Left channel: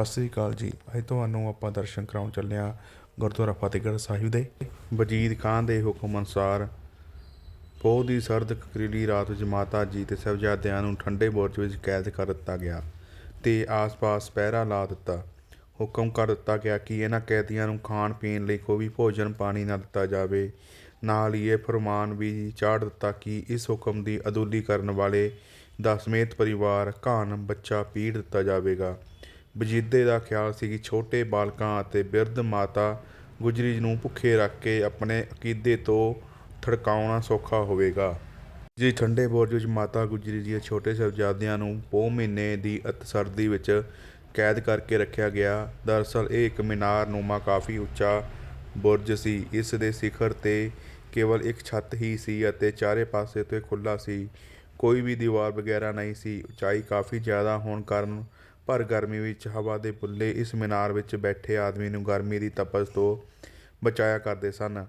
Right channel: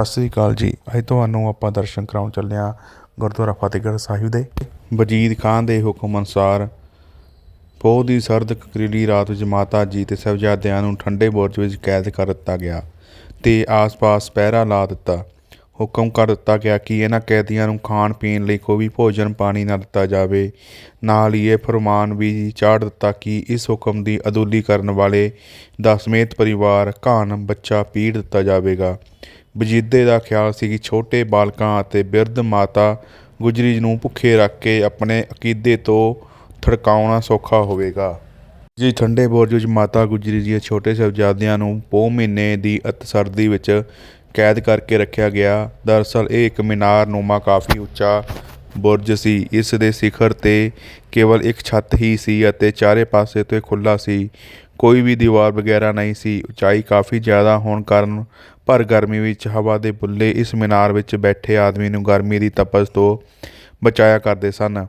ਸਤਿ ਸ੍ਰੀ ਅਕਾਲ ਜੀ। ਅੱਜ ਤੁਹਾਨੂੰ ਆਪਾਂ ਦਰਸ਼ਨ ਕਰਾਉਣ ਚੱਲੇ ਹਾਂ ਗੁਰਦੁਆਰਾ ਫਤਿਹਗੜ੍ਹ ਸਾਹਿਬ ਦੇ। ਵਜੀਦ ਖਾਨ ਦੇ ਹੁਕਮ ਅਨੁਸਾਰ ਪੋਹ ਦੀ ਸਰਦ ਕਕਰੀਲੀ ਰਾਤ ਵਿੱਚ ਮਾਤਾ ਜੀ ਤੇ ਸਾਹਿਬਜ਼ਾਦਿਆਂ ਨੂੰ ਠੰਡੇ ਬੁਰਜ ਵਿੱਚ ਕੈਦ ਕਰ ਦਿੱਤਾ ਗਿਆ ਤੇ ਆਸ-ਪਾਸ ਪਹਿਰਾ ਲਾ ਦਿੱਤਾ। ਹੁਕਮ ਕਰ ਦਿੱਤਾ ਗਿਆ ਕਿ ਇਹਨਾਂ ਕੈਦੀਆਂ ਨੂੰ ਖਾਣ ਪੀਣ ਲਈ ਕੋਈ ਵੀ ਭੋਜਨ ਪਾਣੀ ਨਾ ਦਿੱਤਾ ਜਾਵੇ। ਨਾਲ ਹੀ ਇਹ ਫਰਮਾਨ ਵੀ ਚਾੜ ਦਿੱਤਾ ਕਿ ਇਸ ਹੁਕਮ ਦੀ ਅਦੂਲੀ ਕਰਨ ਵਾਲੇ ਦਾ ਸਮੇਤ ਪਰਿਵਾਰ ਘਾਣ ਬੱਚਾ ਪੀੜ ਦਿੱਤਾ ਜਾਵੇਗਾ। ਵਜੀਦੇ ਦਾ ਖਿਆਲ ਸੀ ਕਿ ਛੋਟੇ ਬਾਲਕਾਂ ਅਤੇ ਬਿਰਧ ਮਾਤਾ ਗੁਜਰੀ ਨੂੰ ਭੁੱਖੇ ਰੱਖ ਕੇ ਆਪਣੇ ਅਕੀਦੇ ਤੋਂ ਥੜਕਾਉਣਾ ਸੌਖਾ ਹੋਵੇਗਾ। ਜੀ, ਠੰਡੇ ਬੁਰਜ ਵਿੱਚ ਮਾਤਾ ਗੁਜਰੀ ਜੀ ਛੋਟੇ ਸਾਹਿਬਜ਼ਾਦਿਆਂ ਨੂੰ ਪੋਹ ਮਹੀਨੇ ਦੀ ਅਤ ਸਰਦੀ ਵਿੱਚ ਕੈਦ ਕਰਕੇ ਰੱਖਿਆ ਗਿਆ। ਦਰਅਸਲ, ਇਹ ਇੱਕ ਮੀਨਾਰ ਨੂਮਾ ਕਾਫੀ ਉੱਚਾ ਬੁਰਜ ਸੀ। ਇਸ ਦੇ ਸਿਖਰ ਤੇ ਕੇਵਲ ਇੱਕ ਛੱਤ ਹੀ ਸੀ ਅਤੇ ਚਾਰੇ ਪਾਸੇ ਤੋਂ ਇਹ ਖੁੱਲਾ ਸੀ। ਕੋਈ ਵੀ ਦੀਵਾਰ ਵਗੈਰਾ ਨਹੀਂ ਸੀ। ਉਚਾਈ ਕਾਫੀ ਜ਼ਿਆਦਾ ਹੋਣ ਕਾਰਨ ਪਰ ਗਰਮੀ ਵਿੱਚ ਹਵਾ ਦੇ ਬੁੱਲੇ ਇਸ ਮੀਨਾਰ ਵਿੱਚ ਬੈਠੇ ਆਦਮੀ ਨੂੰ ਗਰਮੀ ਦੀ ਤਪਸ਼ ਤੋਂ ਬਚਾਇਆ ਕਰਦੇ ਸਨ।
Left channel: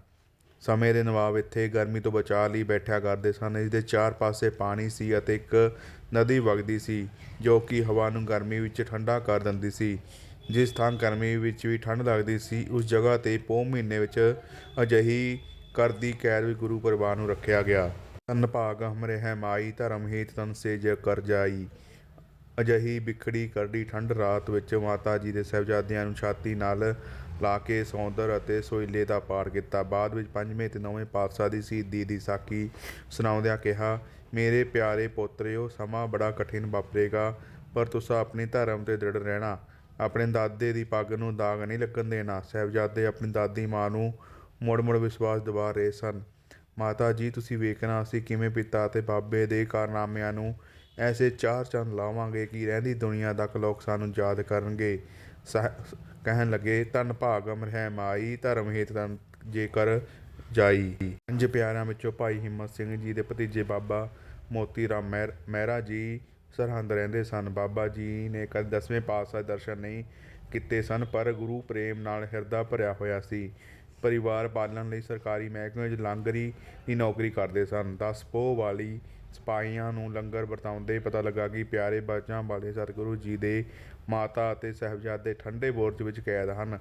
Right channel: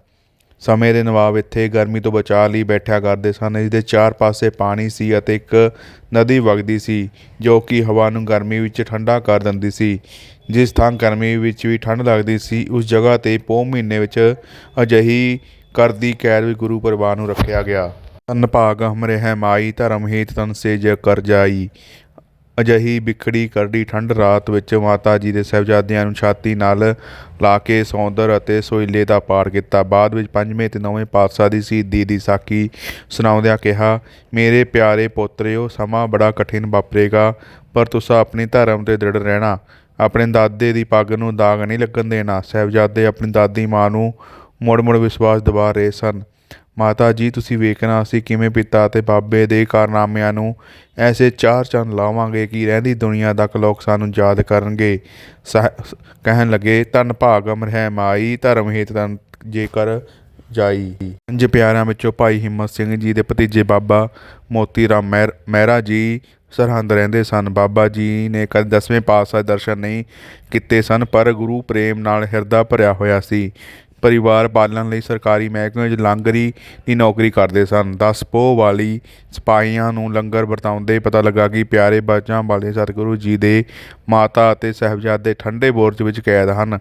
ਸਮੇਂ ਦੇ ਨਵਾਬ ਇੱਥੇ ਗਰਮੀ ਤੋਂ ਬਚਾਅ ਲਈ ਬੈਠਿਆ ਕਰਦੇ ਸਨ। ਇਸ ਦੇ ਚਾਰ ਪਾਸੇ ਪਾਣੀ ਸੀ ਅਤੇ ਇੱਕ ਨਦੀ ਵਗਦੀ ਸੀ, ਜੋ ਕਿ ਹਵਾ ਨੂੰ ਗਰਮੀ ਵਿੱਚ ਠੰਡਾ ਕਰ ਦਿੰਦੀ ਸੀ। ਜਿਸ ਥਾਂ ਗਰਮੀ ਵਿੱਚ ਵੀ ਠੰਡ ਲੱਗਦੀ ਸੀ, ਉਸ ਜਗ੍ਹਾ ਤੇ ਪੋਹ ਮਹੀਨੇ ਵਿੱਚ ਅਜਿਹੀ ਕਰਦੀ ਕੈਦ ਵੀ ਗੁਰੂ ਪਰਿਵਾਰ ਨੂੰ ਰੱਖਿਆ ਗਿਆ। ਤਨ ਭਾਗ ਹਮਰੇ ਹੈ ਮਾਈ ਧਰਮ ਹੀਤ ਤਨ ਸੇ ਜ ਕਰ ਜਾਈ। ਅਜਿਹੀ ਬਿਖੜੀ ਕਰੜੀ ਠੰਡ ਰਾਤ ਵਿੱਚ ਮਾਤਾ ਜੀ ਦੇ ਸਾਹਿਬਜ਼ਾਦਿਆਂ ਨੂੰ ਛਾਤੀ ਨਾਲ ਲਾ ਕੇ ਸੌਂਦਰ ਅਤੇ ਸੋਇਲੇ ਦਾ ਪਾਠ ਕੀਤਾ। ਬਾਅਦ ਵਿੱਚ ਪੰਜਵੇਂ ਤੇ ਨੌਵੇਂ ਪਾਤਸ਼ਾਹ ਦੀ ਸ਼ਹੀਦੀ ਦੀ ਸਾਖੀ ਸੁਣਾਉਂਦਿਆਂ ਕਿਹਾ, ਮੇਰੇ ਪਿਆਰੇ ਪੋਤਰਿਓ, ਸਮਾਂ ਬੜਾ ਕਠਿਨ ਵਾਪਰੇਗਾ, ਪਰ ਤੁਸੀਂ ਆਪਣੀ ਧਰਮ ਤੇ ਦ੍ਰਿੜ ਰਹਿਣਾ। ਆਪਣੇ ਦਾਦੇ ਦੀ ਪੱਗ ਨੂੰ ਦਾਗ ਨਹੀਂ ਲੱਗਣ ਦੇਣਾ। ਸਾਹਿਬਜ਼ਾਦੇ ਆਪਣੀ ਦਾਦੀ ਮਾਂ ਨੂੰ ਮੁੜ ਮੁੜ ਵਿਸ਼ਵਾਸ ਦਿਵਾ ਰਹੇ ਸਨ। ਮਾਤਾ ਜੀ, ਤੁਸੀਂ ਵੇਖਣਾ ਅਸੀਂ ਕਿਵੇਂ ਪਿਤਾ ਅਤੇ ਬਾਬੇ ਦੇ ਕਾਰਨਾਮਿਆਂ ਨੂੰ ਐਸੇ ਚਾਰ ਚੰਨ ਲਾਵਾਂਗੇ ਕਿ ਰਹਿੰਦੀ ਦੁਨੀਆ ਤੱਕ ਲੋਕ ਸਾਨੂੰ ਯਾਦ ਕਰਨਗੇ। ਸਹ- ਕਹਿਣ ਲੱਗੇ, ਧੰਨ ਭਾਗ ਅਮਰ ਹੈ ਮਾਈ, ਧਰਮ ਹੇਤ ਤਨ ਜੇਕਰ ਜਾਈ। ਪੰਜ ਪਿਆਰਿਆਂ ਵਿੱਚੋਂ ਭਾਈ ਹਿੰਮਤ ਸਿੰਘ ਜੀ ਦੇ ਭਤੀਜੇ ਬਾਬਾ ਮੋਤੀ ਰਾਮ ਮਹਿਰ ਮਹਿਰਾ ਜੀ ਸਰਹੰਦ ਰਹਿੰਦੇ ਸਨ। ਬਾਬਾ ਜੀ ਨੇ ਕਦੇ ਦਸਵੇਂ ਪਾਤਸ਼ਾਹ ਦਰਸ਼ਨ ਨਹੀਂ ਕੀਤੇ ਸਨ, ਪਰ ਗੁਰੂ ਪ੍ਰੇਮ ਨਾਲ ਹਿਰਦਾ ਭਰਿਆ ਹੋਇਆ ਸੀ। ਪਰਿਵਾਰ ਪਾਲਣ ਲਈ ਸਰਕਾਰੀ ਮਹਿਕਮੇ ਵਿੱਚ ਲਾਂਗਰੀ ਦੀ ਨੌਕਰੀ ਕਰਦੇ ਸਨ। 10 ਪੋਹ ਵਾਲੀ ਸਿਪਾਹੀਆਂ ਨੂੰ ਲੰਗਰ ਵਰਤਾਉਂਦੇ ਪਤਾ ਲੱਗਾ ਕਿ ਪਿਆਰੇ ਬਾਜਾਂ ਵਾਲੇ ਸਤਿਗੁਰੂ ਜੀ ਦੇ ਮਾਤਾ ਅਤੇ ਸਾਹਿਬਜ਼ਾਦੇ ਠੰਡੇ ਬੁਰਜ ਵਿੱਚ ਕੈਦ ਹਨ।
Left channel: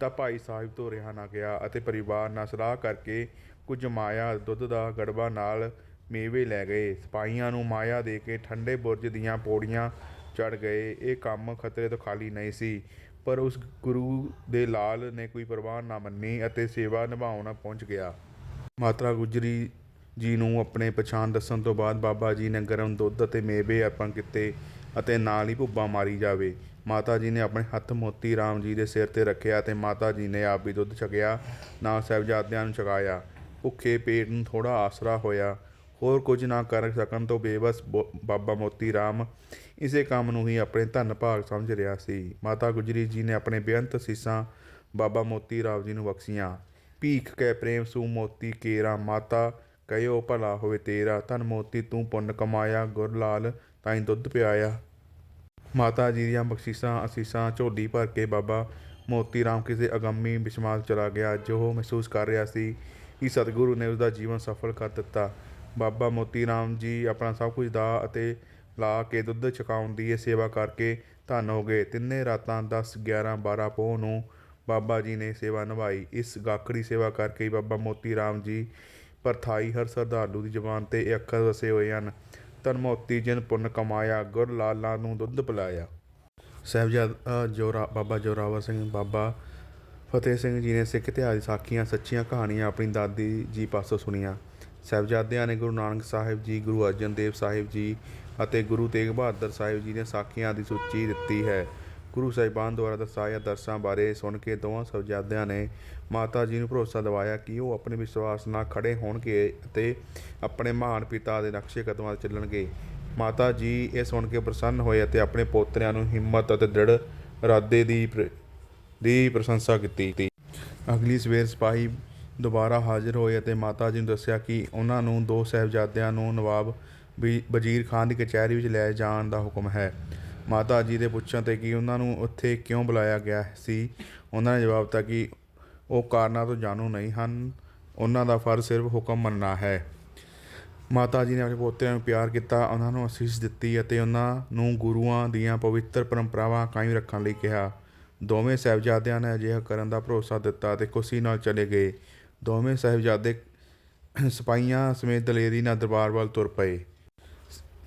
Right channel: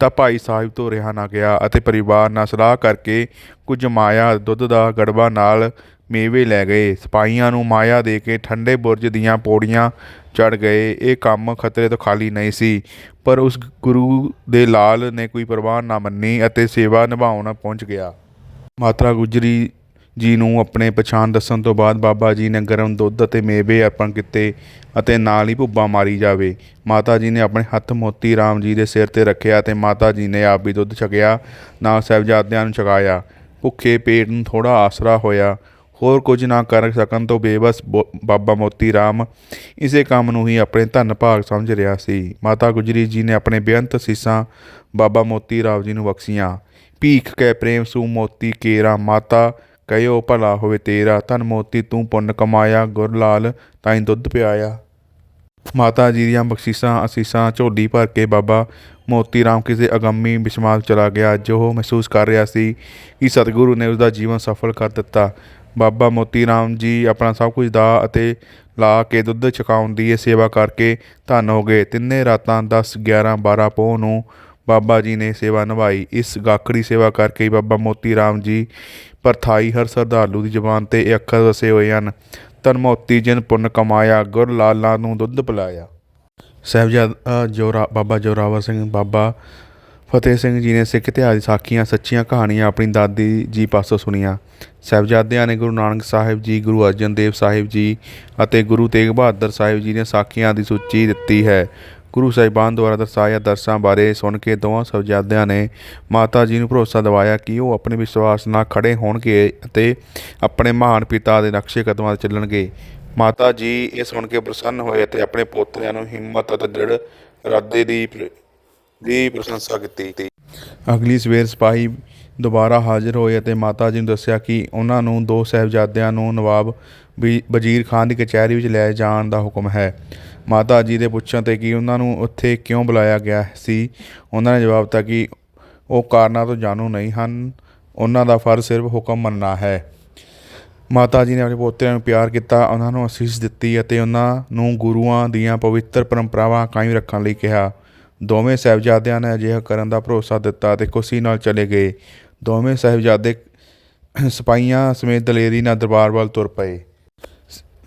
ਤਾਂ ਭਾਈ ਸਾਹਿਬ ਤੋਂ ਰਿਹਾ ਨਾ ਗਿਆ ਅਤੇ ਪਰਿਵਾਰ ਨਾਲ ਸਲਾਹ ਕਰਕੇ ਕੁਝ ਮਾਇਆ ਦੁੱਧ ਦਾ ਗੜਬਾ ਨਾਲ ਮੇਵੇ ਲੈ ਗਏ। ਸਿਪਾਹੀਆਂ ਨੂੰ ਮਾਇਆ ਦੇ ਕੇ ਠੰਡੇ ਬੁਰਜ ਦੀਆਂ ਪੌੜੀਆਂ ਚੜ ਗਏ। ਇਹ ਕੰਮ ਖਤਰੇ ਤੋਂ ਖਾਲੀ ਨਹੀਂ ਸੀ, ਪਰ ਉਸ ਗੁਰੂ ਦੇ ਲਾਲ ਨੇ ਕੋਈ ਪਰਵਾਹ ਨਾ ਮੰਨੀ ਅਤੇ ਸੇਵਾ ਨਿਭਾਉਣ ਪਹੁੰਚ ਗਿਆ। ਮਾਤਾ ਗੁਜਰੀ ਜੀ ਨੂੰ ਆਪਣੇ ਪਛਾਣ ਦੱਸਣ ਤੋਂ ਬਾਅਦ ਬਾਬਾ ਜੀ ਨੇ ਗਰਮ ਦੁੱਧ ਅਤੇ ਮੇਵੇ ਅਰਪਣ ਕੀਤੇ ਅਤੇ ਨਾਲ ਹੀ ਭੁੱਬਾ ਮਾਰੀ ਜਾਵੇ। ਮਾਤਾ ਜੀ ਨੇ ਆਪਣੇ ਹੱਥ ਮੋਤੀ ਰਾਮ ਜੀ ਦੇ ਸਿਰ ਤੇ ਰੱਖਿਆ ਤੇ ਮਾਤਾ ਜੀ ਨੇ ਆਪ ਵੀ ਦੁੱਧ ਛਕਿਆ, ਨਾਲ ਸਾਹਿਬਜ਼ਾਦਿਆਂ ਨੂੰ ਛਕਾਇਆ। ਭੁੱਖੇ ਪੇਟ ਨੂੰ ਥੋੜਾ ਆਸਰਾ ਹੋਇਆ। ਹੋਰ ਕੁਝ ਨਾ ਕਰ ਸਕਣ ਤੋਂ ਬੇਬਸ ਬੋ- ਬਾਬਾ ਮੋਤੀ ਰਾਮ ਇਸੇ ਕੰਮ ਨੂੰ ਹੀ ਆਪਣੇ ਧੰਨ ਭਾਗ ਸਮਝ ਰਿਹਾ ਸੀ। ਮਾਤਾ ਗੁਜਰੀ ਜੀ ਨੇ ਆਪਣੇ ਬੇਅੰਤ ਸੀਸਾਂ ਬਾਬਾ ਮੋਤੀ ਰਾਮ ਜੀ ਨੂੰ ਬਖਸ਼ੀਆਂ। ਭੀਖ ਕੈ ਪ੍ਰੇਮ ਸੂ ਮੋਤੀ ਕੇਰਾ, ਮਾਤਾ ਕਹਿਓ ਭਲਾ ਹੋਵੇ ਤੇਰਾ, ਧਨ ਮੋਤੀ ਤੂੰ ਪੁੰਨ ਕਮਾਇਆ, ਗੁਰ ਲਾਲ ਤਾਈਂ ਦੁੱਧ ਪਿਆਇਆ। ਮਾਤਾ ਜੀ ਦੀਆਂ ਬਖਸ਼ਿਸ਼ਾਂ, ਅਸੀਸਾਂ, ਝੋਲੀ ਭਰ ਕੇ ਬਾਬਾ ਮੋਤੀ ਰਾਮ ਕਿਸੇ ਅਗੰਮੀ ਬਿਸ਼ਮਾਲ ਚਲਾ ਗਿਆ। ਜੋ ਉਹ ਮਹਿਸੂਸ ਕਰ ਰਿਹਾ ਸੀ ਕਿ ਸਤਿਗੁਰੂ ਨੇ ਉਸ ਦਾ ਜੀਵਨ ਸਫਲ ਕਰ ਦਿੱਤਾ। ਬਾਬਾ ਮੋਤੀ ਰਾਮ ਜੀ ਆਪਣਾ ਸਭ ਕੁਝ ਦਾ ਅਤੇ ਲਾ ਕੇ ਦੁੱਧ ਛਕਾਉਣ ਦੀ ਇਹ ਸੇਵਾ ਕਰਕੇ ਧੰਨ ਹੋ ਗਏ। ਤਿੰਨੇ ਰਾਤਾਂ 10 11 12 ਪੋਹ ਨੂੰ ਬਾਬਾ ਜੀ ਨੇ ਸੇਵਾ ਨਿਭਾਈ। ਇਸ ਗਾਖੜੀ ਸੇਵਾ ਕਰਕੇ ਹੀ ਬਾਬਾ ਮੋਤੀ ਰਾਮ ਜੀ ਪਰਥਾਈ ਹਰ ਸਰਦਾਲੂ ਦੀ ਜਬਾਨ ਤੇ ਇਹ ਅੱਖਰ ਵਸੇ ਹੋਏ ਹਨ। ਤਨ ਮੋਤੀ ਜਿਨ ਪੁੰਨ ਕਮਾਇਆ, ਗੁਰ ਲਾਲਾਂ ਨੂੰ ਦੁੱਧ ਪਿਲਾਇਆ। ਸਾਹਿਬਜ਼ਾਦਾ ਜੋਰਾ, ਬਾਬਾ ਜੋਰਾਵਰ ਸਿੰਘ, ਬਾਬਾ ਫਤਿਹ ਸਿੰਘ ਜੀ ਨੇ ਸਿੱਖ ਇਤਿਹਾਸ ਦੀ ਸਾਖੀਆਂ, ਸੱਚੀਆਂ ਕਹਾਣੀਆਂ ਆਪਣੀ ਦਾਦੀ ਜੀ ਪਾਸੋਂ ਸੁਣੀਆਂ। ਸਾਹਿਬਜ਼ਾਦਿਆਂ ਨੇ ਗੁਰੂ ਨਾਨਕ ਸਾਹਿਬ ਜੀ, ਗੁਰੂ ਅਰਜਨ ਦੇਵ ਸਾਹਿਬ ਜੀ ਅਤੇ ਗੁਰੂ ਤੇਗ ਬਹਾਦਰ ਸਾਹਿਬ ਜੀ ਦੀਆਂ ਸਾਖੀਆਂ ਦੀ ਸੂਚੀ ਦਿੱਤੀ ਹੈ। ਗੁਰੂ ਸਾਹਿਬਾਨ ਦੁਆਰਾ ਦਰਸਾਇਆ ਦਰਸਾਂ ਬਾਰੇ ਸੁਣ ਕੇ ਦੋਵਾਂ ਸਾਹਿਬਜ਼ਾਦਿਆਂ ਨੇ ਮਾਤਾ ਜੀ ਨੂੰ ਭਰੋਸਾ ਦਿਵਾਇਆ ਕਿ ਉਹ ਆਪਣੇ ਵਿਸ਼ਵਾਸ ਨਾਲ ਖੜੇ ਹੋਣਗੇ ਅਤੇ ਆਪਣੇ ਮਹਾਨ ਪਿਤਾ ਦੇ ਨਕਸ਼ੇ ਕਦਮਾਂ ਤੇ ਚੱਲਣਗੇ। ਮਾਤਾ ਜੀ ਇਹ ਸੁਣ ਕੇ ਪ੍ਰਸੰਨ ਹੋਏ ਅਤੇ ਆਪਣੇ ਪੋਤਰਿਆਂ ਨੂੰ ਹਿੰਮਤ ਅਤੇ ਦ੍ਰਿੜ ਇਰਾਦੇ ਦੀ ਪ੍ਰ- ਦੀ ਪ੍ਰਸ਼ੰਸਾ ਕੀਤੀ। ਅਗਲੀ ਸਵੇਰ ਸਿਪਾਹੀ ਦੁਬਾਰਾ ਹਾਜ਼ਰ ਹੋਏ ਅਤੇ ਮਾਤਾ ਜੀ ਨੂੰ ਦੱਸਿਆ ਕਿ ਉਹਨਾਂ ਨੂੰ ਦੋ ਸਾਹਿਬਜ਼ਾਦਿਆਂ ਨੂੰ ਨਵਾਬ ਵੀ ਵਜ਼ੀਰ ਖਾਨ ਦੀ ਕਚਹਿਰੀ ਵਿੱਚ ਲੈ ਜਾਣ ਦਾ ਹੁਕਮ ਹੈ। ਮਾਤਾ ਜੀ ਦੇ ਪੁੱਛਣ ਤੇ ਕਿ ਉਹਨਾਂ ਨੂੰ ਉੱਥੇ ਕਿਉਂ ਬੁਲਾਇਆ ਗਿਆ ਸੀ, ਉਹਨਾਂ ਨੇ ਜਵਾਬ ਦਿੱਤਾ ਕਿ ਉਹ ਕਾਰਨਾਂ ਤੋਂ ਜਾਣੂ ਨਹੀਂ ਹਨ, ਉਹਨਾਂ ਦਾ ਫਰਜ਼ ਸਿਰਫ ਹੁਕਮ ਮੰਨਣਾ ਹੈ। ਮਾਤਾ ਜੀ ਨੇ ਆਪਣੇ ਪੋਤਿਆਂ ਨੂੰ ਪਿਆਰ ਕੀਤਾ, ਉਹਨਾਂ ਨੂੰ ਅਸੀਸ ਦਿੱਤੀ ਅਤੇ ਉਹਨਾਂ ਨੂੰ ਗੁਰੂਆਂ ਦੀਆਂ ਪਵਿੱਤਰ ਪਰੰਪਰਾਵਾਂ ਕਾਇਮ ਰੱਖਣ ਲਈ ਕਿਹਾ। ਦੋਵੇਂ ਸਾਹਿਬਜ਼ਾਦਿਆਂ ਨੇ ਅਜਿਹਾ ਕਰਨ ਦਾ ਭਰੋਸਾ ਦਿੱਤਾ ਅਤੇ ਖੁਸ਼ੀ ਨਾਲ ਚਲੇ ਗਏ। ਦੋਵੇਂ ਸਾਹਿਬਜ਼ਾਦੇ ਸਿਪਾਹੀਆਂ ਸਮੇਤ ਦਲੇਰੀ ਨਾਲ ਦਰਬਾਰ ਵੱਲ ਤੁਰ ਪਏ।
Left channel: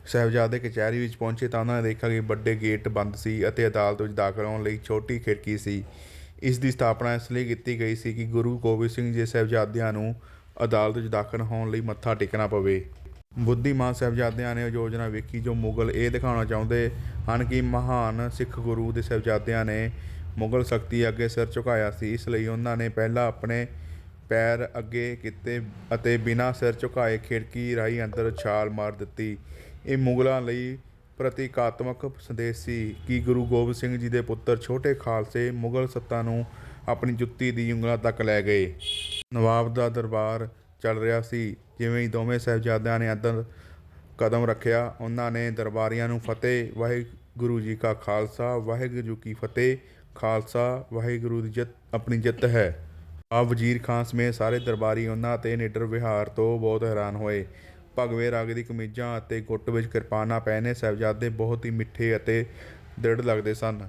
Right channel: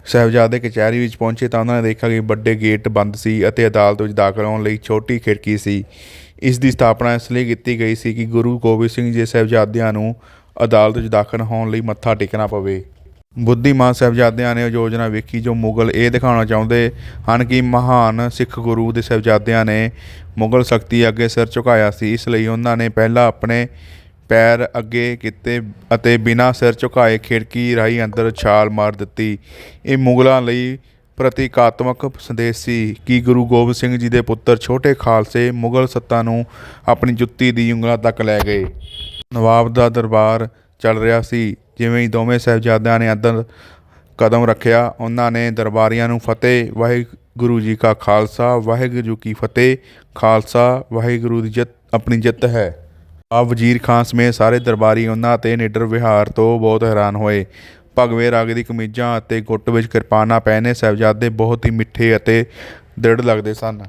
ਸਾਹਿਬਜ਼ਾਦੇ ਕਚਹਿਰੀ ਵਿੱਚ ਪਹੁੰਚੇ ਤਾਂ ਉਹਨਾਂ ਨੇ ਦੇਖਿਆ ਕਿ ਵੱਡੇ ਗੇਟ ਬੰਦ ਸੀ ਅਤੇ ਅਦਾਲਤ ਵਿੱਚ ਦਾਖਲ ਹੋਣ ਲਈ ਛੋਟੀ ਖਿੜਕੀ ਸੀ। ਇਸ ਦੀ ਸਥਾਪਨਾ ਇਸ ਲਈ ਕੀਤੀ ਗਈ ਸੀ ਕਿ ਗੁਰੂ ਗੋਬਿੰਦ ਸਿੰਘ ਜੀ ਸਾਹਿਬਜ਼ਾਦਿਆਂ ਨੂੰ ਅਦਾਲਤ ਵਿੱਚ ਦਾਖਲ ਹੋਣ ਲਈ ਮੱਥਾ ਟੇਕਣਾ ਪਵੇ। ਬੁੱਧੀਮਾਨ ਸਾਹਿਬਜ਼ਾਦਿਆਂ ਨੇ ਉਹ ਯੋਜਨਾ ਵੇਖੀ ਜੋ ਮੁਗਲ ਇਹ ਦਿਖਾਉਣਾ ਚਾਹੁੰਦੇ ਹਨ ਕਿ ਮਹਾਨ ਸਿੱਖ ਗੁਰੂ ਦੇ ਸਾਹਿਬਜ਼ਾਦਿਆਂ ਨੇ ਮੁਗਲ ਸ਼ਕਤੀ ਅੱਗੇ ਸਿਰ ਝੁਕਾਇਆ ਸੀ। ਇਸ ਲਈ ਉਹਨਾਂ ਨੇ ਪਹਿਲਾਂ ਆਪਣੇ ਪੈਰ ਅੱਗੇ ਕੀਤੇ ਅਤੇ ਬਿਨਾਂ ਸਿਰ ਝੁਕਾਏ ਖਿੜਕੀ ਰਾਹੀਂ ਅੰਦਰ ਛਾਲ ਮਾਰ ਦਿੱਤੀ। ਇਹ ਮੁਗਲਾਂ ਲਈ ਪ੍ਰਤੀਕਾਤਮਕ ਸੰਦੇਸ਼ ਸੀ ਕਿ ਗੁਰੂ ਗੋਬਿੰਦ ਸਿੰਘ ਜੀ ਦੇ ਪੁੱਤਰ ਛੋਟੇ ਖਾਲਸੇ ਮੁਗਲ ਸੱਤਾ ਨੂੰ ਆਪਣੀ ਜੁੱਤੀ ਦੀ ਉਂਗਲਾਂ ਤੱਕ ਲੈ ਗਏ। ਨਵਾਬ ਦਾ ਦਰਬਾਰ ਚੱਲ ਰਿਹਾ ਸੀ। ਜਿਵੇਂ ਹੀ ਦੋਵੇਂ ਸਾਹਿਬਜ਼ਾਦਿਆਂ ਨੇ ਅੰਦਰ ਕਦਮ ਰੱਖਿਆ, ਉਹਨਾਂ ਨੇ ਦਰਬਾਰੀਆਂ ਨੂੰ ਫਤਿਹ, ਵਾਹਿਗੁਰੂ ਜੀ ਕਾ ਖਾਲਸਾ, ਵਾਹਿਗੁਰੂ ਜੀ ਕੀ ਫਤਿਹ, ਖਾਲਸਾ, ਵਾਹਿਗੁਰੂ ਦੀ ਜਿੱਤ, ਆਪਣੀ ਜਿੱਤ ਹੈ। ਆ ਵਜ਼ੀਰ ਖਾਨ ਸਮੇਤ ਸਾਰੇ ਦਰਬਾਰੀ ਉਹਨਾਂ ਤੇ ਨਿਡਰ ਵਿਹਾਰ ਤੋਂ ਬਹੁਤ ਹੈਰਾਨ ਹੋਏ। ਭਗਵੇ ਰੰਗ ਦੀ ਕਮੀਜ਼ਾਂ ਅਤੇ ਗੁੱਟ ਵਿੱਚ ਕਿਰਪਾਨਾਂ ਪਹਿਨੇ ਸਾਹਿਬਜ਼ਾਦੇ ਬਹੁਤ ਹੀ ਮਿੱਠੇ ਅਤੇ ਦ੍ਰਿੜ ਲੱਗਦੇ ਸਨ।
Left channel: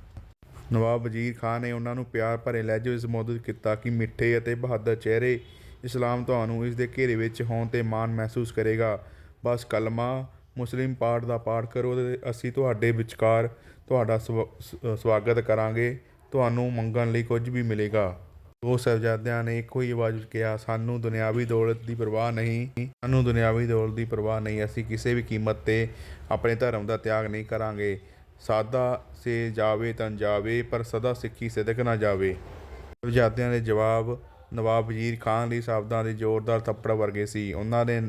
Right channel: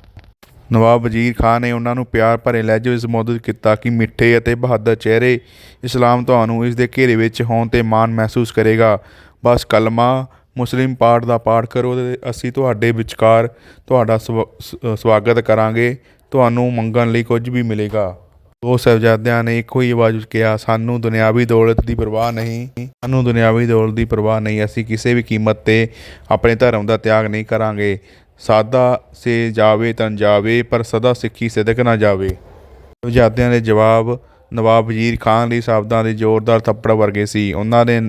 ਨਵਾਬ ਵਜ਼ੀਰ ਖਾਨ ਨੇ ਉਹਨਾਂ ਨੂੰ ਪਿਆਰ ਭਰੇ ਲਹਿਜੇ ਵਿੱਚ ਸੰਬੋਧਿਤ ਕੀਤਾ ਕਿ ਮਿੱਠੇ ਅਤੇ ਬਹਾਦਰ ਚਿਹਰੇ ਇਸਲਾਮ ਤੁਹਾਨੂੰ ਇਸ ਦੇ ਘੇਰੇ ਵਿੱਚ ਹੋਣ ਤੇ ਮਾਣ ਮਹਿਸੂਸ ਕਰੇਗਾ। ਬਸ ਕਲਮਾ ਮੁਸਲਿਮ ਪਾਠ ਦਾ ਪਾਠ ਕਰੋ ਤੇ ਅਸੀਂ ਤੁਹਾਡੇ ਵਿਚਕਾਰ ਤੁਹਾਡਾ ਸਵ- ਸਵਾਗਤ ਕਰਾਂਗੇ। ਤੁਹਾਨੂੰ ਮੰਗਣ ਲਈ ਕੁਝ ਵੀ ਮਿਲੇਗਾ। ਦੋ ਸਾਹਿਬਜ਼ਾਦਿਆਂ ਨੇ ਇੱਕੋ ਹੀ ਆਵਾਜ਼ ਵਿੱਚ ਕਿਹਾ, ਸਾਨੂੰ ਦੁਨਿਆਵੀ ਦੌਲਤ ਦੀ ਪਰਵਾਹ ਨਹੀਂ, ਸਾਨੂੰ ਦੁਨਿਆਵੀ ਦੌਲਤ ਦੀ ਪਰਵਾਹ ਨਹੀਂ। ਅਸੀਂ ਕਿਸੇ ਵੀ ਕੀਮਤ ਤੇ ਆਪਣੇ ਧਰਮ ਦਾ ਤਿਆਗ ਨਹੀਂ ਕਰਾਂਗੇ। ਸਾਦਾ ਸੇ ਜਾਵੇ ਤਨ ਜਾਵੇ, ਪਰ ਸਦਾ ਸਿੱਖੀ ਸਿਦਕ ਨਾ ਜਾਵੇ। ਸਾਹਿਬਜ਼ਾਦਿਆਂ ਦੇ ਜਵਾਬ, ਨਵਾਬ ਵਜ਼ੀਰ ਖਾਨ ਲਈ ਸ਼ਬਦਾਂ ਦੇ ਜ਼ੋਰਦਾਰ ਥੱਪੜ ਵਰਗੇ ਸੀ। ਉਹਨਾਂ ਦੇ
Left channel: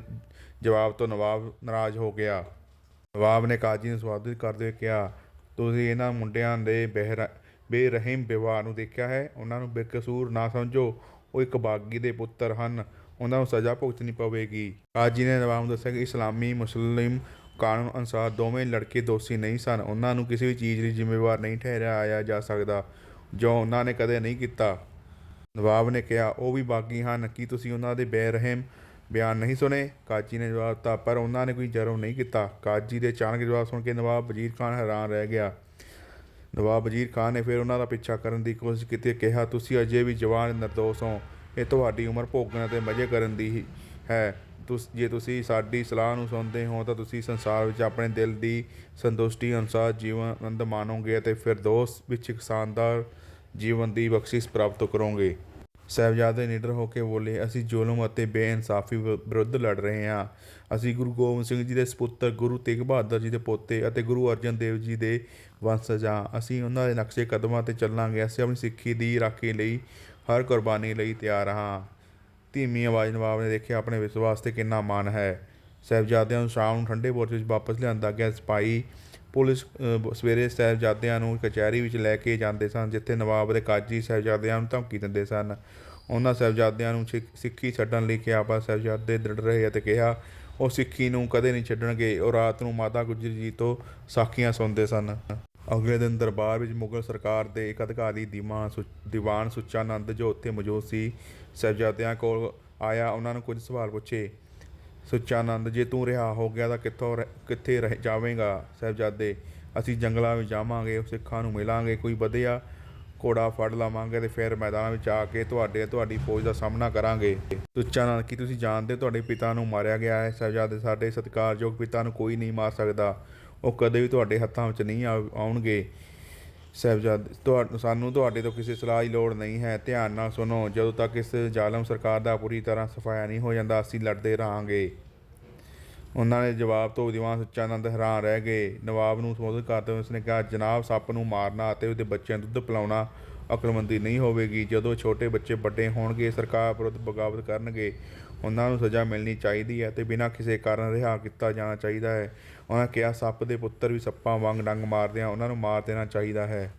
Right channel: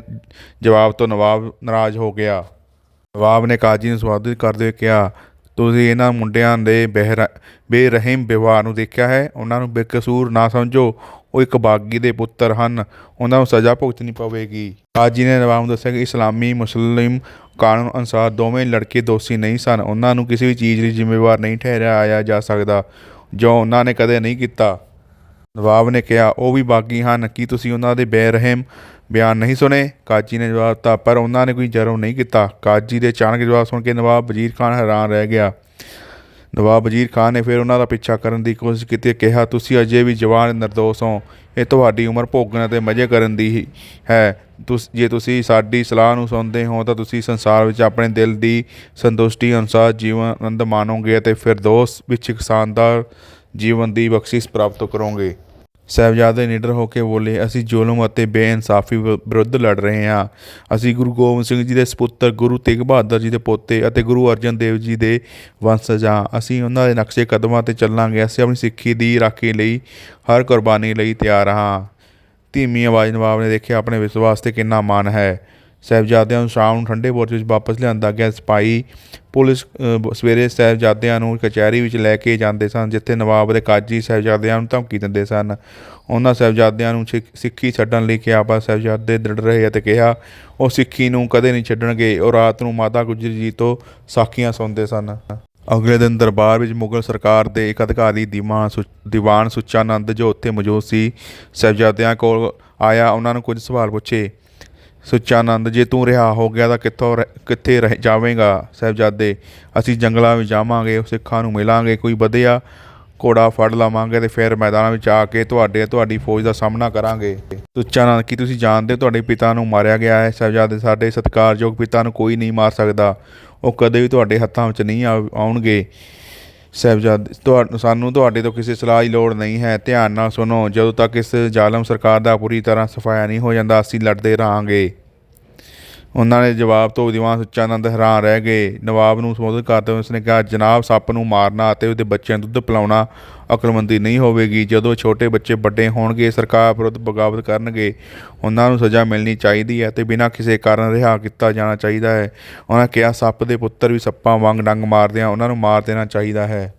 ਜਵਾਬ ਤੋਂ ਨਵਾਬ ਨਾਰਾਜ਼ ਹੋ ਗਿਆ। ਨਵਾਬ ਨੇ ਕਾਜੀ ਨੂੰ ਸੰਬੋਧਿਤ ਕਰਦੇ ਹੋਏ ਕਿਹਾ, ਤੁਸੀਂ ਇਹਨਾਂ ਮੁੰਡਿਆਂ ਦੇ ਬਹਿਰ, ਬੇਰਹਿਮ ਵਿਵਹਾਰ ਨੂੰ ਦੇਖਿਆ ਹੈ? ਉਹਨਾਂ ਨੂੰ ਬੇਕਸੂਰ ਨਾ ਸਮਝੋ। ਉਹ ਇੱਕ ਬਾਗੀ ਦੇ ਪੁੱਤਰ ਹਨ। ਉਹਨਾਂ ਨੂੰ ਸਜ਼ਾ ਭੁਗਤਣੀ ਪਵੇਗੀ। ਕਾਜੀ ਨੇ ਨਵਾਬ ਨੂੰ ਦੱਸਿਆ ਕਿ ਇਸਲਾਮੀ ਮੁਸਲਿਮ ਕਾਨੂੰਨ ਅਨੁਸਾਰ ਦੋਵੇਂ ਲੜਕੇ ਦੋਸ਼ੀ ਨਹੀਂ ਸਨ। ਉਹਨਾਂ ਨੂੰ ਕਿਸੇ ਵੀ ਚੀਜ਼ ਲਈ ਜ਼ਿੰਮੇਵਾਰ ਨਹੀਂ ਠਹਿਰਾਇਆ ਜਾ ਸਕਦਾ, ਜੋ ਉਹਨਾਂ ਨੇ ਕਦੇ ਨਹੀਂ ਕੀਤਾ। ਨਵਾਬ ਨੇ ਕਿਹਾ, ਉਹ ਵੀ ਬਾਗੀ ਹਨ। ਕੀ ਤੁਸੀਂ ਉਹਨਾਂ ਦੇ ਬੇਰਹਿਮ ਬਿਆਨ ਨਹੀਂ ਸੁਣੇ? ਕਾਜੀ ਨੇ ਜਵਾਬ ਦਿੱਤਾ, ਪਰ ਉਹਨਾਂ ਨੇ ਕੋਈ ਜਰਮ ਨਹੀਂ ਕੀਤਾ। ਕਾਜੀ ਦੇ ਅਚਾਨਕ ਜਵਾਬ ਸੁਣ ਕੇ ਨਵਾਬ ਵਜ਼ੀਰ ਖਾਨ ਹੈਰਾਨ ਰਹਿ ਗਿਆ। ਨਵਾਬ ਵਜ਼ੀਰ ਖਾਨ ਨੇ ਫਿਰ ਉਹਨਾਂ ਦਾ ਪਿੱਛਾ ਕਰਨ ਦੀ ਕੋਸ਼ਿਸ਼ ਕੀਤੀ, ਕਿਹਾ, ਤੁਸੀਂ ਅਜੇ ਵੀ ਜਵਾਨ ਨਿਰਦੋਸ਼ ਹੋ। ਇਹ ਤੁਹਾਡੀ ਉਮਰ ਭੋਗਣ ਅਤੇ ਮਜ਼ੇ ਕਰਨ ਦੀ ਹੀ ਹੈ। ਤੁਸ, ਜੇ ਤੁਸੀਂ ਸਾਡੀ ਸਲਾਹ ਨੂੰ ਸੁਣਦੇ ਹੋ ਤਾਂ ਤੁਸੀਂ ਸੰਸਾਰ ਵਿੱਚ ਆਪਣੇ ਦਿਲ ਦੀ ਸੰਤੁਸ਼ਟੀ ਅਨੁਸਾਰ ਜੀਵਨ ਆਨੰਦ ਮਾਣੋਗੇ ਅਤੇ ਫਿਰ ਦੋਸ ਵਿੱਚ ਇੱਕ ਸ਼ਾਨਦਾਰ ਜੀਵਨ ਦੀ ਬਖਸ਼ਿਸ਼ ਪ੍ਰਾਪਤ ਕਰੋਗੇ। ਸਾਹਿਬਜ਼ਾਦੇ ਨਿਡਰ ਹੋ ਕੇ ਬੋਲੇ, ਅਸੀਂ ਜ਼ੁਲਮ ਅਤੇ ਬੇਇਨਸਾਫੀ ਵਿ- ਵਿਰੁੱਧ ਲੜ ਰਹੇ ਹਾਂ। ਅਸੀਂ ਗੁਰੂ ਗੋਬਿੰਦ ਸਿੰਘ ਜੀ ਦੇ ਸਪੁੱਤਰ ਗੁਰੂ ਤੇਗ ਬਹਾਦਰ ਜੀ ਦੇ ਪੋਤੇ ਅਤੇ ਗੁਰੂ ਅਰਜਨ ਦੇਵ ਜੀ ਦੇ ਵੰਸ਼ਜ ਹਾਂ ਅਸੀਂ ਉਹਨਾਂ ਦੇ ਨਕਸ਼ੇ ਕਦਮਾਂ ਤੇ ਚੱਲਾਂਗੇ। ਅਸੀਂ ਆਪਣੀ ਸਿੱਖੀ ਦੀ ਰਾਖੀ ਲਈ ਹਰ ਕੁਰਬਾਨੀ ਲਈ ਤਿਆਰ ਹਾਂ। ਧੀਮੀ ਆਵਾਜ਼ ਨਵਾਬ ਨੇ ਦੇਖਿਆ, ਆਪਣੇ ਵਿਸ਼ਵਾਸ ਤੇ ਕਿੰਨਾ ਮਾਣ ਹੈ। ਸਾਹਿਬਜ਼ਾਦਿਆਂ ਨੂੰ ਸ਼ਾਮ ਨੂੰ ਠੰਡੇ ਬੁਰਜ ਵਿੱਚ ਵਾਪਸ ਲਿਆਂਦਾ ਗਿਆ। ਸਿਪਾਈ ਪੁਲਿਸ ਸਵੇਰੇ ਸਾਹਿਬਜ਼ਾਦਿਆਂ ਨੂੰ ਕਚਹਿਰੀ ਵਿੱਚ ਲੈ ਕੇ ਜਾਂਦੇ ਸਨ, ਜਿੱਥੇ ਨਵਾਬ ਦੇ ਕਾਜੀ ਸਾਹਿਬਜ਼ਾਦਿਆਂ ਨੂੰ ਧਮਕੀ ਦਿੰਦੇ ਸਨ। ਉਹਨਾਂ ਸਾਹਿਬਜ਼ਾਦਿਆਂ ਨੂੰ ਸਿੱਖ- ਸਿੱਖੀ ਛੱਡਣ ਲਈ ਕਿਹਾ, ਪਰ ਸਾਹਿਬਜ਼ਾਦੇ ਦ੍ਰਿੜ ਰਹੇ ਅਤੇ ਕਿਹਾ, ਉਹ ਸਿੱਖੀ ਨੂੰ ਕਦੇ ਨਹੀਂ ਛੱਡਣਗੇ। ਉਹ ਰਾਤ ਨੂੰ ਮਾਤਾ ਗੁਜਰੀ ਜੀ ਤੋਂ ਸਾਖੀਆਂ ਸੁਣਦੇ ਸਨ। ਅਗਲੇ ਦਿਨ ਦਰਬਾਰ ਵਿੱਚ ਮੁਗਲ ਸਰਕਾਰ ਦੇ ਇੱਕ ਅਧਿਕਾਰੀ ਦੀਵਾਨ ਸੁ- ਦੀਵਾਨ ਸੁੱਚਾਨੰਦ ਜੋ ਉੱਥੇ ਮੌਜੂਦ ਸੀ, ਸਾਹਿਬਜ਼ਾਦਿਆਂ ਕੋਲ ਆਇਆ, ਉਹਨਾਂ ਨੂੰ ਕੁਝ ਸਵਾਲ ਪੁੱਛੇ। ਸੁੱਚਾਨੰਦ, ਜੇ ਤੂੰ ਰਿਹਾ ਹੋ ਗਿਆ ਤਾਂ ਕਿੱਥੋਂ ਰਹਿ- ਕਿੱਥੇ ਰਹਿ, ਜਾਵੇਂਗਾ ਸਾਹਿਬਜ਼ਾਦੇ? ਅਸੀਂ ਜੰਗਲਾਂ ਵਿੱਚ ਜਾਵਾਂਗੇ, ਸਿੱਖਾਂ ਨੂੰ ਮਿਲਾਂਗੇ, ਕੋਈ ਵਧੀਆ ਘੋੜਾ ਫੜ ਲਵਾਂਗੇ ਤੇ ਫਿਰ ਮੈਦਾਨਾਂ ਵਿੱਚ ਆ ਕੇ ਤੁਹਾਡੇ, ਤੁਹਾਡੀ ਫੌਜ ਦਾ ਸਾਹਮਣਾ ਕਰਾਂਗੇ। ਸੁੱਚਾਨੰਦ, ਕੀ ਤੁਸੀਂ ਜਾਣਦੇ ਹੋ ਤੁਹਾਡੇ ਪਿਤਾ ਨੂੰ ਮਾਰਿਆ ਗਿਆ ਹੈ? ਸਾਹਿਬਜ਼ਾਦੇ, ਸਾਡੇ ਸਤਿਕਾਰਯੋਗ ਪਿਤਾ ਨੂੰ ਕੋਈ ਨਹੀਂ ਮਾਰ ਸਕਦਾ। ਉਹ ਕਦੇ ਵੀ ਤੁਹਾਡੇ ਹੱਥਾਂ ਵਿੱਚ ਨਹੀਂ ਆਉ- ਆਉਣਗੇ। ਸਾਹਿਬਜ਼ਾਦੇ ਤੁਹਾਨੂੰ ਸਾਨੂੰ ਤੁਹਾਡੇ ਤੋਂ ਕਿਸੇ ਸਲਾਹ ਦੀ ਲੋੜ ਨਹੀਂ ਹੈ। ਧਿਆਨ ਨਾਲ ਸੁਣੋ, ਜਦੋਂ ਤੱਕ ਇਸ ਜ਼ਾਲਮ ਸਰਕਾਰ ਦਾ ਪੂਰੀ ਤਰ੍ਹਾਂ ਸਫਾਇਆ ਨਹੀਂ ਹੋ ਜਾਂਦਾ, ਅਸੀਂ ਲੜਦੇ ਰਹਾਂਗੇ। ਉਹਨਾਂ ਨੇ ਜਵਾਬ ਤੋਂ ਦੀਵਾਨ ਸੁੱਚਾਨੰਦ ਹੈਰਾਨ ਰਹਿ ਗਏ। ਨਵਾਬ ਨੂੰ ਸੰਬੋਧਨ ਕਰਦੇ ਹੋਏ ਉਸਨੇ ਕਿਹਾ, ਜਨਾਬ, ਸੱਪ ਨੂੰ ਮਾਰਨਾ ਅਤੇ ਉਹਦੇ ਬੱਚਿਆਂ ਨੂੰ ਦੁੱਧ ਪਿਲਾਉਣਾ ਅਕਲਮੰਦੀ ਨਹੀਂ ਹੋਵੇਗੀ। ਜਦੋਂ ਛੋਟੇ ਬੱਚੇ ਵੱਡੇ ਹੋਣਗੇ, ਸਰਕਾਰ ਵਿਰੁੱਧ ਬਗਾਵਤ ਕਰਨਗੇ, ਉਹਨਾਂ ਨੂੰ ਸਜ਼ਾ ਮਿਲਣੀ ਚਾਹੀਦੀ ਹੈ ਤੇ ਬਿਨਾਂ ਕਿਸੇ ਕਾਰਨ ਰਿਹਾ ਕੀਤਾ ਜਾਣਾ ਚਾਹੀਦਾ ਹੈ। ਉਹਨਾਂ ਕਿਹਾ, ਸੱਪ ਦੇ ਪੁੱਤਰ ਵੀ ਸੱਪਾਂ ਵਾਂਗ ਡੰਗ ਮਾਰਦੇ ਆ ਉਹਨਾਂ ਨੂੰ ਮਾਰ ਦੇਣਾ ਚਾਹੀਦਾ ਹੈ।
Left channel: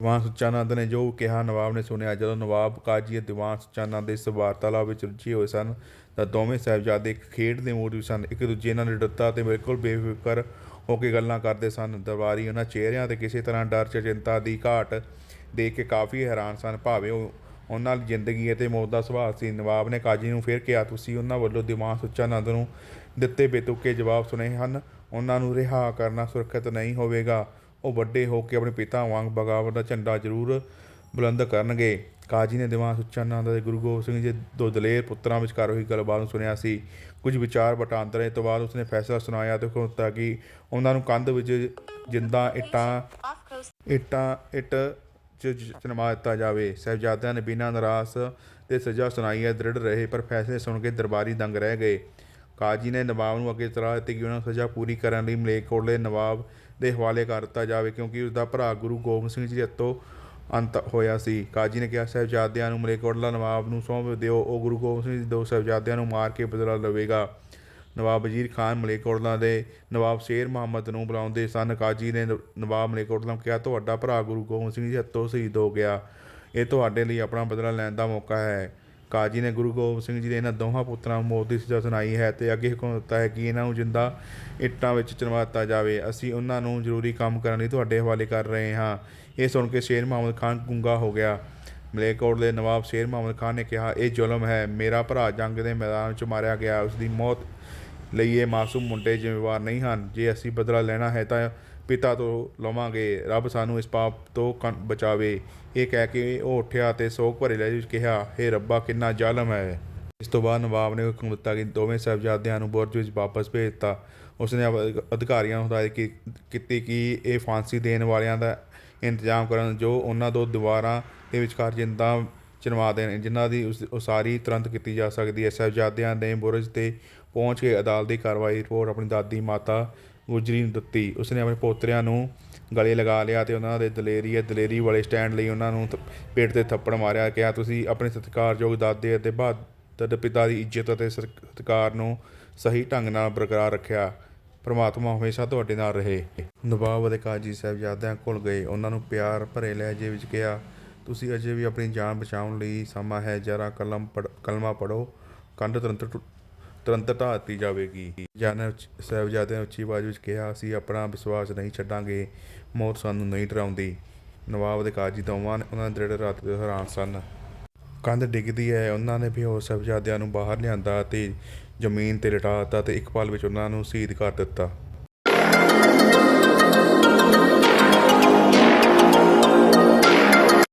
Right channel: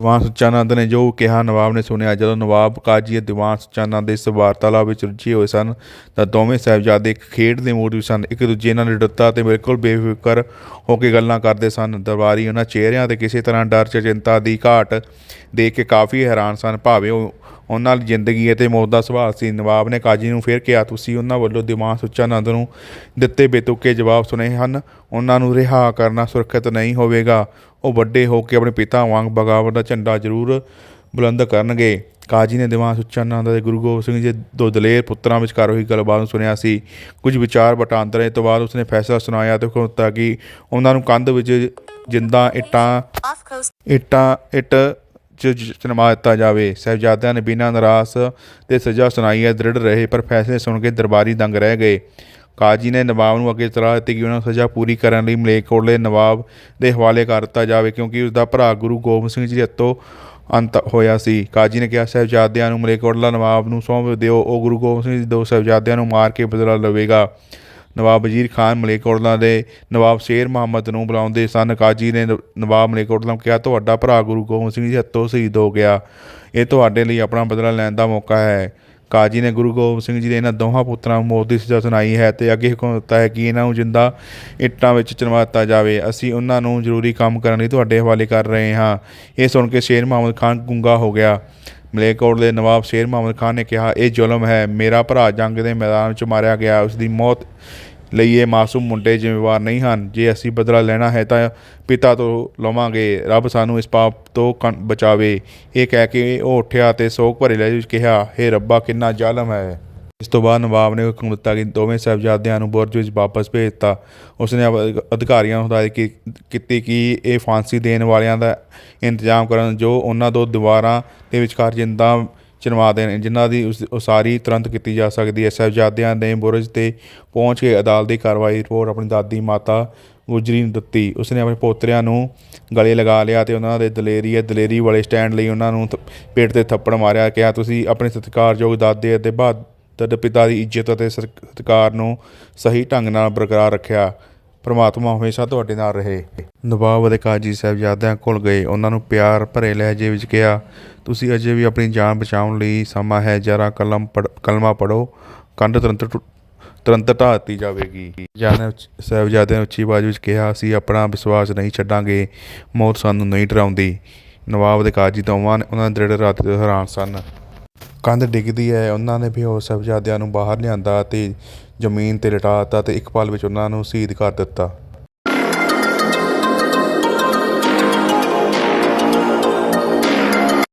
ਦੀਵਾਨ ਸੁੱਚਾਨੰਦ ਨੇ ਜੋ ਕਿਹਾ, ਨਵਾਬ ਨੇ ਸੁਣਿਆ, ਜਦੋਂ ਨਵਾਬ ਕਾਜੀ ਅਤੇ ਦੀਵਾਨ ਸੁੱਚਾਨੰਦ ਇਸ ਵਾਰਤਾਲਾਪ ਵਿੱਚ ਰੁੱਝੇ ਹੋਏ ਸਨ, ਤਾਂ ਦੋਵੇਂ ਸਾਹਿਬਜ਼ਾਦੇ ਇੱਕ ਖੇਡ ਦੇ ਮੂਡ ਵਿੱਚ ਸਨ। ਇੱਕ ਦੂਜੇ ਨਾਲ ਨਿਡਰਤਾ ਤੇ ਬਿਲਕੁਲ ਬੇਫਿਕਰ ਹੋ ਕੇ ਗੱਲਾਂ ਕਰਦੇ ਸਨ। ਦਰਬਾਰੀ ਉਹਨਾਂ ਚਿਹਰਿਆਂ ਤੇ ਕਿਸੇ ਤਰ੍ਹਾਂ ਡਰ ਜਾਂ ਚਿੰਤਾ ਦੀ ਘਾਟ ਦੇਖ ਕੇ ਕਾਫੀ ਹੈਰਾਨ ਸਨ। ਭਾਵੇਂ ਉਹ ਉਹਨਾਂ ਦੀ ਜ਼ਿੰਦਗੀ ਅਤੇ ਮੌਤ ਦਾ ਸਵਾਲ ਸੀ, ਨਵਾਬ ਨੇ ਕਾਜੀ ਨੂੰ ਫਿਰ ਕਿਹਾ, ਤੁਸੀਂ ਉਹਨਾਂ ਵੱਲੋਂ ਦੀਵਾਨ ਸੁੱਚਾ ਨੰਦ ਨੂੰ ਦਿੱਤੇ ਬੇਤੁਕੇ ਜਵਾਬ ਸੁਣੇ ਹਨ। ਉਹਨਾਂ ਨੂੰ ਰਿਹਾ ਕਰਨਾ ਸੁਰੱਖਿਅਤ ਨਹੀਂ ਹੋਵੇਗਾ। ਉਹ ਵੱਡੇ ਹੋ ਕੇ ਆਪਣੇ ਪਿਤਾ ਵਾਂਗ ਬਗਾਵਤ ਦਾ ਝੰਡਾ ਜ਼ਰੂਰ ਬੁਲੰਦ ਕਰਨਗੇ। ਕਾਜੀ ਨੇ ਦੀਵਾਨ ਸੁੱਚਾ ਨੰਦ ਅਤੇ ਗੁਰੂ ਗੋਬਿੰਦ ਸਿੰਘ ਜੀ ਦੋ ਦਲੇਰ ਪੁੱਤਰਾਂ ਵਿਚਕਾਰ ਹੋਈ ਗੱਲਬਾਤ ਨੂੰ ਸੁਣਿਆ ਸੀ। ਕੁਝ ਵਿਚਾਰ ਵਟਾਂਦਰੇ ਤੋਂ ਬਾਅਦ ਉਸਨੇ ਫੈਸਲਾ ਸੁਣਾਇਆ ਤੇ ਹੁਕਮ ਦਿੱਤਾ ਕਿ ਉਹਨਾਂ ਨੂੰ ਕੰਧ ਵਿੱਚ ਜਿੰਦਾ ਇੱਟਾਂ Off coast. ਇੱਟਾਂ, ਇੱਟ ਚ ਜ- ਚਨਵਾ ਦਿੱਤਾ ਜਾਵੇ। ਸਾਹਿਬਜ਼ਾਦਿਆਂ ਨੇ ਬਿਨਾਂ ਨਿਰਾਸ਼ ਤੇ ਸਜ਼ਾ ਸੁਣਾਈ ਹੈ, ਦ੍ਰਿੜ ਰਹੇ, ਪਰ ਫੈਸਲੇ ਸੁਣ ਕੇ ਦਰਬਾਰੀ ਦੰਗ ਰਹਿ ਗਏ। ਕਾਜੀ ਨੇ ਨਵਾਬ ਨੂੰ ਅੱਗੇ ਸਲਾਹ ਦਿੱਤੀ ਕਿ ਉਹਨਾਂ ਨੂੰ ਸਜ਼ਾ ਪੂਰੀ ਕਰਨ ਲਈ ਮਲੇਕੋਟਲੇ ਨਵਾਬ ਦੇ ਹਵਾਲੇ ਕਰ ਦਿੱਤਾ ਜਾਵੇ, ਕਿਉਂਕਿ ਉਸ ਦਾ ਭਰਾ ਗੁਰੂ ਗੋਬਿੰਦ ਸਿੰਘ ਜੀ ਦੇ ਹੱਥੋਂ ਅੰਤ ਹੋਇਆ ਸੀ। ਕਾਜੀ ਨੇ ਕਿਹਾ, ਸਾਹਿਬਜ਼ਾਦਿਆਂ ਨੂੰ ਮਲੇਕੋਟਲਾ ਨਵਾਬ ਨੂੰ ਸੌਂਪ ਦਿਓ, ਉਹ ਗੁਰੂ ਗੋਬਿੰਦ ਸਿੰਘ ਜੀ ਦੇ ਦੋ ਸਾਹਿਬਜ਼ਾਦਿਆਂ ਨੂੰ ਮਾਰ ਕੇ ਬਦਲਾ ਲਵੇਗਾ। ਨਵਾਬ ਵਜ਼ੀਰ ਖਾਨ ਮਲੇਕੋਟਲਾ ਦੇ ਨਵਾਬ ਸ਼ੇਰ ਮੁਹੰਮਦ ਨੂੰ ਬੁਲਾਉਂਦੇ ਸਨ। ਕਾਜੀ ਨੇ ਨਵਾਬ ਮਲੇਕੋਟਲਾ ਨੂੰ ਕਿਹਾ, ਤੁਹਾਡਾ ਭਰਾ ਗੁਰੂ ਗੋਬਿੰਦ ਸਿੰਘ ਜੀ ਹੱਥੋਂ ਸ਼ਹੀਦ ਹੋ ਗਿਆ। ਇਹ ਤੁਹਾਡੇ ਲਈ ਆਪਣਾ ਬਦਲਾ ਲੈਣ ਦਾ ਮੌਕਾ ਹੈ। ਕਾਜੀ ਨੇ ਗੁਰੂ ਗੋਬਿੰਦ ਸਿੰਘ ਜੀ ਦੇ ਇਹਨਾਂ ਦੋਹਾਂ ਪੁੱਤਰਾਂ ਨੂੰ ਮੌਤ ਦੀ ਸਜ਼ਾ ਸੁਣਾਈ ਹੈ ਤੇ ਅੱਗੇ ਹੁਕਮ ਦਿੱਤਾ ਹੈ ਕਿ ਇਹਨਾਂ ਨੂੰ ਜਿੰਦਾ ਇੱਟਾਂ ਵਿੱਚ ਚਿਣਵਾ ਦਿੱਤਾ ਜਾਵੇ। ਅਸੀਂ ਉਹਨਾਂ ਨੂੰ ਜ਼ਰੂਰੀ ਕੰਮ ਕਰਨ ਲਈ ਤੁਹਾਡੇ ਹਵਾਲੇ ਕਰ ਰਹੇ ਹਾਂ। ਇਹ ਸੁਣ ਕੇ ਸ਼ੇਰ ਮੁਹੰਮਦ ਖਾਨ ਗੁੰਗਾ ਹੋ ਗਿਆ। ਮਲੇਕੋਟ ਦੇ ਨਵਾਬ ਸ਼ੇਰ ਮੁਹੰਮਦ ਖਾਨ ਨੇ ਕਿਹਾ, ਇਹ ਜ਼ੁਲਮ ਹੈ। ਮੇਰਾ ਭਰਾ ਜੰਗ ਦੇ ਮੈਦਾਨ ਵਿੱਚ ਮਾਰਿਆ ਗਿਆ। ਉਸ ਦੀ ਮੌਤ ਲਈ ਇਹ ਮਾਸੂਮ ਮੁੰਡੇ ਜ਼ਿੰਮੇਵਾਰ ਨਹੀਂ ਹਨ। ਜੇ ਅਸੀਂ ਬਦਲਾ ਲੈਣਾ ਹੈ ਤਾਂ ਪਿਤਾ ਤੋਂ ਲਵਾਂਗੇ, ਰੱਬ ਸਾਨੂੰ ਇਸ ਪਾਪ ਤੋਂ ਕੰ- ਬਚਾਵੇ। ਇਹ ਕਹਿ ਕੇ ਉਹ ਉੱਠਿਆ ਤੇ ਸੋਗ ਭਰੇ ਲਹਿਜੇ ਵਿੱਚ ਕਿਹਾ, ਹੇ ਰੱਬਾ, ਕਿੰਨਾ ਜ਼ਾਲਮ ਹੈ। ਇਸ ਤੋਂ ਬਾਅਦ ਨਵਾਬ ਨੇ ਹੁਕਮ ਦਿੱਤਾ ਕਿ ਦੋਵੇਂ ਸਾਹਿਬਜ਼ਾਦਿਆਂ ਨੂੰ ਬੁਰਜ ਵਿੱਚ ਵਾਪਸ ਭੇਜ ਦਿੱਤਾ ਉਸਨੇ ਅਧਿਕਾਰੀਆਂ ਨੂੰ ਹਦਾਇਤ ਕੀਤੀ ਕਿ ਇਹ ਫਾਂਸੀ ਦੇਣ ਵਾਲਿਆਂ ਦਾ ਇੰਤਜ਼ਾਮ ਕਰਨ ਜੋ ਉਹਨਾਂ ਦੋ ਦੀਵਾਰਾਂ ਦੇ ਵਿਚਕਾਰ ਜਿੰਦਾ ਚਿਣਵਾ ਦੇਣ ਜਿਨ੍ਹਾਂ ਦੀ ਉਸ, ਉਸਾਰੀ ਤੁਰੰਤ ਕੀਤੀ ਜਾ ਸਕਦੀ ਹੈ। ਸਾਹਿਬਜ਼ਾਦਿਆਂ ਨੇ ਬੁਰਜ ਤੇ ਪਹੁੰਚ ਕੇ ਅਦਾਲਤ ਦੀ ਕਾਰਵਾਈ ਰਿਪੋਰਟ ਆਪਣੀ ਦਾਦੀ ਮਾਤਾ ਗੁਜਰੀ ਨੂੰ ਦਿੱਤੀ। ਉਸਨੇ ਆਪਣੇ ਪੋਤਰਿਆਂ ਨੂੰ ਗਲੇ ਲਗਾ ਲਿਆ ਤੇ ਉਹਨਾਂ ਦੇ ਦਲੇਰੀ ਹੈ, ਦਲੇਰੀ ਵਾਲੇ ਸਟੈਂਡ ਲਈ ਉਹਨਾਂ ਨੂੰ ਪੇਟ ਤੇ ਥੱਪੜ ਮਾਰਿਆ, ਕਿਹਾ, ਤੁਸੀਂ ਆਪਣੇ ਸਤਿਕਾਰਯੋਗ ਦਾਦੇ ਅਤੇ ਬਹਾਦਰ ਪਿਤਾ ਦੀ ਇੱਜ਼ਤ ਅਤੇ ਸਤ- ਸਤਿਕਾਰ ਨੂੰ ਸਹੀ ਢੰਗ ਨਾਲ ਬਰਕਰਾਰ ਰੱਖਿਆ। ਪਰਮਾਤਮਾ ਹਮੇਸ਼ਾ ਤੁਹਾਡੇ ਨਾਲ ਰਹੇ। ਨਵਾਬ ਅਤੇ ਕਾਜੀ ਸਾਹਿਬਜ਼ਾਦਿਆਂ ਕੋਲ ਗਏ। ਉਹਨਾਂ ਨੂੰ ਪਿਆਰ ਭਰੇ ਲਹਿਜੇ ਵਿੱਚ ਕਿਹਾ, ਤੁਸੀਂ ਅਜੇ ਵੀ ਆਪਣੀ ਜਾਨ ਬਚਾਉਣ ਲਈ ਸਮਾਂ ਹੈ, ਜਰਾ ਕਲਮ ਪੜ੍ਹ- ਕਲਮਾ ਪੜੋ ਕੰਧ ਤੁਰੰਤ ਟੁ- ਤੁਰੰਤ ਢਾਹ ਦਿੱਤੀ ਜਾਵੇਗੀ। ਜਾਨ ਸਾਹਿਬਜ਼ਾਦਿਆਂ ਨੇ ਉੱਚੀ ਆਵਾਜ਼ ਵਿੱਚ ਕਿਹਾ ਅਸੀਂ ਆਪਣਾ ਵਿਸ਼ਵਾਸ ਨਹੀਂ ਛੱਡਾਂਗੇ। ਮੌਤ ਸਾਨੂੰ ਨਹੀਂ ਡਰਾਉਂਦੀ। ਨਵਾਬ ਦੇ ਕਾਜੀ ਦੋਵਾਂ ਨੇ ਉਹਨਾਂ ਦੇ ਦ੍ਰਿੜ ਰਾਤ ਦੇ ਹੈਰਾਨ ਸਨ। ਕੰਧ ਡਿੱਗਦੀ ਹੈ। ਉਹਨਾਂ ਨੇ ਬੇਹੋਸ਼ ਸਾਹਿਬਜ਼ਾਦਿਆਂ ਨੂੰ ਬਾਹਰ ਲਿਆਂਦਾ ਤੇ ਜ਼ਮੀਨ ਤੇ ਲਟਾ ਦਿੱਤਾ ਤੇ ਇੱਕ ਪਲ ਵਿੱਚ ਉਹਨਾਂ ਨੂੰ ਸ਼ਹੀਦ ਕਰ ਦਿੱਤਾ।